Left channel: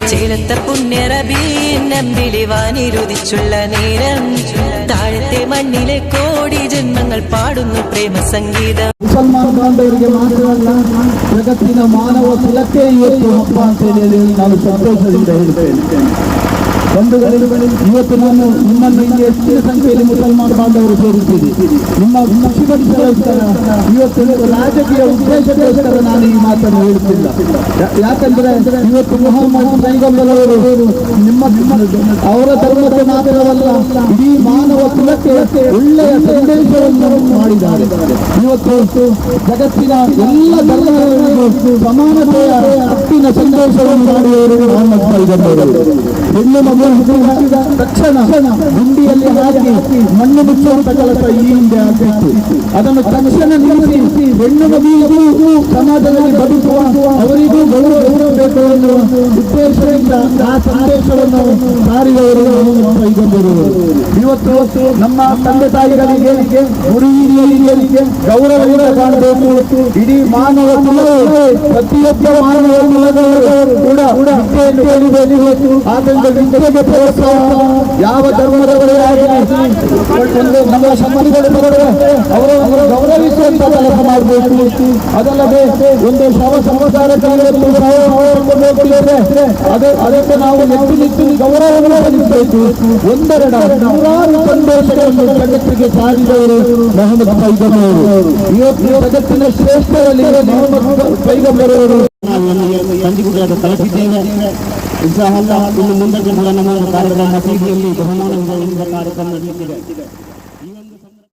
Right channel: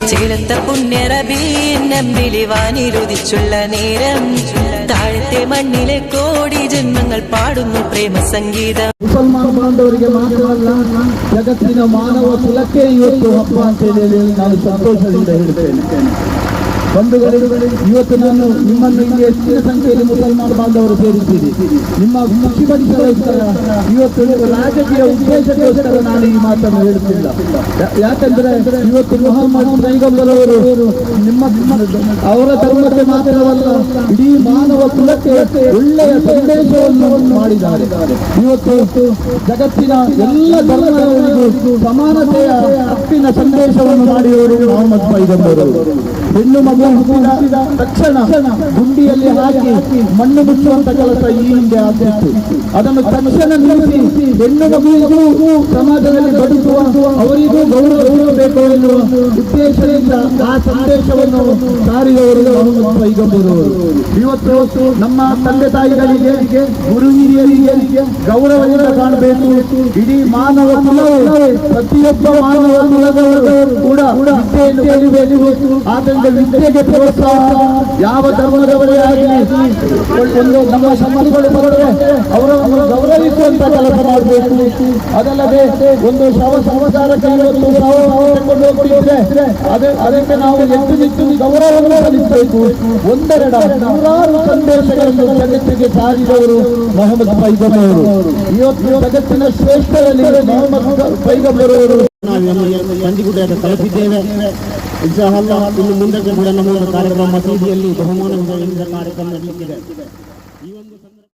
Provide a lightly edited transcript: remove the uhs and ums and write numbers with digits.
ചേലത്ത പുണ്യറബി നമ്പിളി വാനിരുദിച്ചുള്ള നേരം താഴത്തെ മണ്ണിലെ കോടി ജന്മങ്ങൾ പാടുന്നു പ്രേമ സംഗീതം. ಮುಸಲ್ಮಾನ್ ಬಾಂಧವರಿಗೆ ಮಾತ್ರವಲ್ಲ, ಜಗತ್ತಿನ ಮಾನವ ಕುಲಕ್ಕೆ ಇವತ್ತು ಹಬ್ಬ ಅಂತ ಹೇಳಿ ನಾನು ಸಂತೋಷದಿಂದ ಹೇಳ್ತೇನೆ. ಇವತ್ತು ನಾನು ನಿಮ್ಮನ್ನು ಇಲ್ಲಿ ಹೆಚ್ಚಿನ ಸಂಖ್ಯೆಯಲ್ಲಿ ಮುಸಲ್ಮಾನ್ ಬಾಂಧವರು ಸೇರುತ್ತೀರಿ. ನಿಮ್ಮ ಖುಷಿಪಡಿಸೋಸ್ಕರ ಇವತ್ತು ರಾಜಕೀಯ ಉದ್ದೇಶಕ್ಕೋಸ್ಕರ ನಾನು ಈ ಮಾತನ್ನು ಹೇಳುತ್ತಿಲ್ಲ. ಯಾಕಂದ್ರೆ ಇವತ್ತು ಮೊಹಮ್ಮದ್ ಪೈಗಂಬರವರು ನಿಮ್ಮ ಅವರ ಧರ್ಮಕ್ಕೆ ಮಾತ್ರವಲ್ಲ, ಇಡೀ ಮಾನವ ಕುಲಕ್ಕೆ ಒಳ್ಳೆಯ ಸಂದೇಶವನ್ನು ಮಾಡಿದ್ದಾರೆ. ಇವತ್ತು ಜಗತ್ತಿನ ಎಲ್ಲ ಧರ್ಮಗಳಿಗೂ ಸಮಾನತೆಯ ಹಕ್ಕಿನ ಸಂದೇಶವನ್ನು ಮಾಡಿದವರು ಮೊಹಮ್ಮದ್ ಪೈಗಂಬರವರು. ಹೆಣ್ಣು ಮಗು ಹುಟ್ಟಿದ ತಕ್ಷಣ ಗುಂಡಿಯಲ್ಲಿ ಹಾಕಿ ಮಣ್ಣು ಮುಚ್ಚುವಂತ ಕೆಲಸ ಈ ಹಿಂದೆ ಆಗ್ತಿತ್ತು. ಅದನ್ನು ತಕ್ಷಣ ನಿಲ್ಲಿಸಿ ಹೆಣ್ಣು ಮಗುವಿಗೂ ಸಮಾಜದಲ್ಲಿ ಬದುಕುವ ಅವರಿಗೂ ಗೌರವ ಬೇಕು ಎನ್ನುವ ಉದ್ದೇಶದಿಂದ ಆ ಸಂದೇಶವನ್ನು ಸಾರಿದವರು ಮೊಹಮ್ಮದ್ ಪೈಗಂಬರವರು. ಇವತ್ತು ನಮ್ಮ ತಂದೆ ತಾಯಿಗಳಿಗೆ ಗುರು ಹಿರಿಯರಿಗೆ ಗೌರವದಿಂದ ಕಾಣಬೇಕು. ಇಡೀ ಮಾನವ ಕುಲವೇ ಪ್ರತಿಯೊಬ್ಬ ಮಾನವ ಕುಲದವರು ಕೂಡ ವಿದ್ಯೆಯನ್ನು ಕಲಿಬೇಕು. ಆದ್ದರಿಂದ ವಿದ್ಯೆಗೆ ಪ್ರೋತ್ಸಾಹ ಯಾವ ಧರ್ಮದವರೇ ಆಗಲಿ ನಮ್ಮ ಸಂಬಂಧಗಳು ಬರದೆ ಅವರನ್ನು ಗೌರವಿಸುವಂತ ಕೆಲಸ ಮಾಡಬೇಕು. ಅದಲ್ಲದೆ ಒಂದು ಶವ ಸಂಸ್ಕಾರಕ್ಕೆ ಹೋಗ್ತಿದ್ರೆ ಅದಕ್ಕೆ ನಾವು ಹೆಚ್ಚು ಗೌರವವನ್ನು ಸಲ್ಲಿಸಬೇಕು. ಒಂದೆರಡು ನೂರಾರು ಸಂದೇಶಗಳನ್ನು ಜಗತ್ತಿಗೆ ಸಾರಿದವರು ಮೊಹಮ್ಮದ್ ಪೈಗಂಬರವರು. ಇವತ್ತು ಜಗತ್ತಿನ ಶ್ರೇಷ್ಠರಲ್ಲಿ ಮೊಹಮ್ಮದ್ ಪೈಗಂಬರವರು ಸಂಧಿಗುಡಿಯಾದ ತಲುಪಿದ್ದೇವೆ. ಇನ್ನು ಮುಂದಕ್ಕೆ ಕೂಡ ನಮ್ಮ ಕಾರ್ಯಕ್ರಮ ಮಸೀದಿಯಲ್ಲಿ ಬಹುಮಾನ ಕಾರ್ಯಕ್ರಮ ನಡೆಯಲಿದೆ.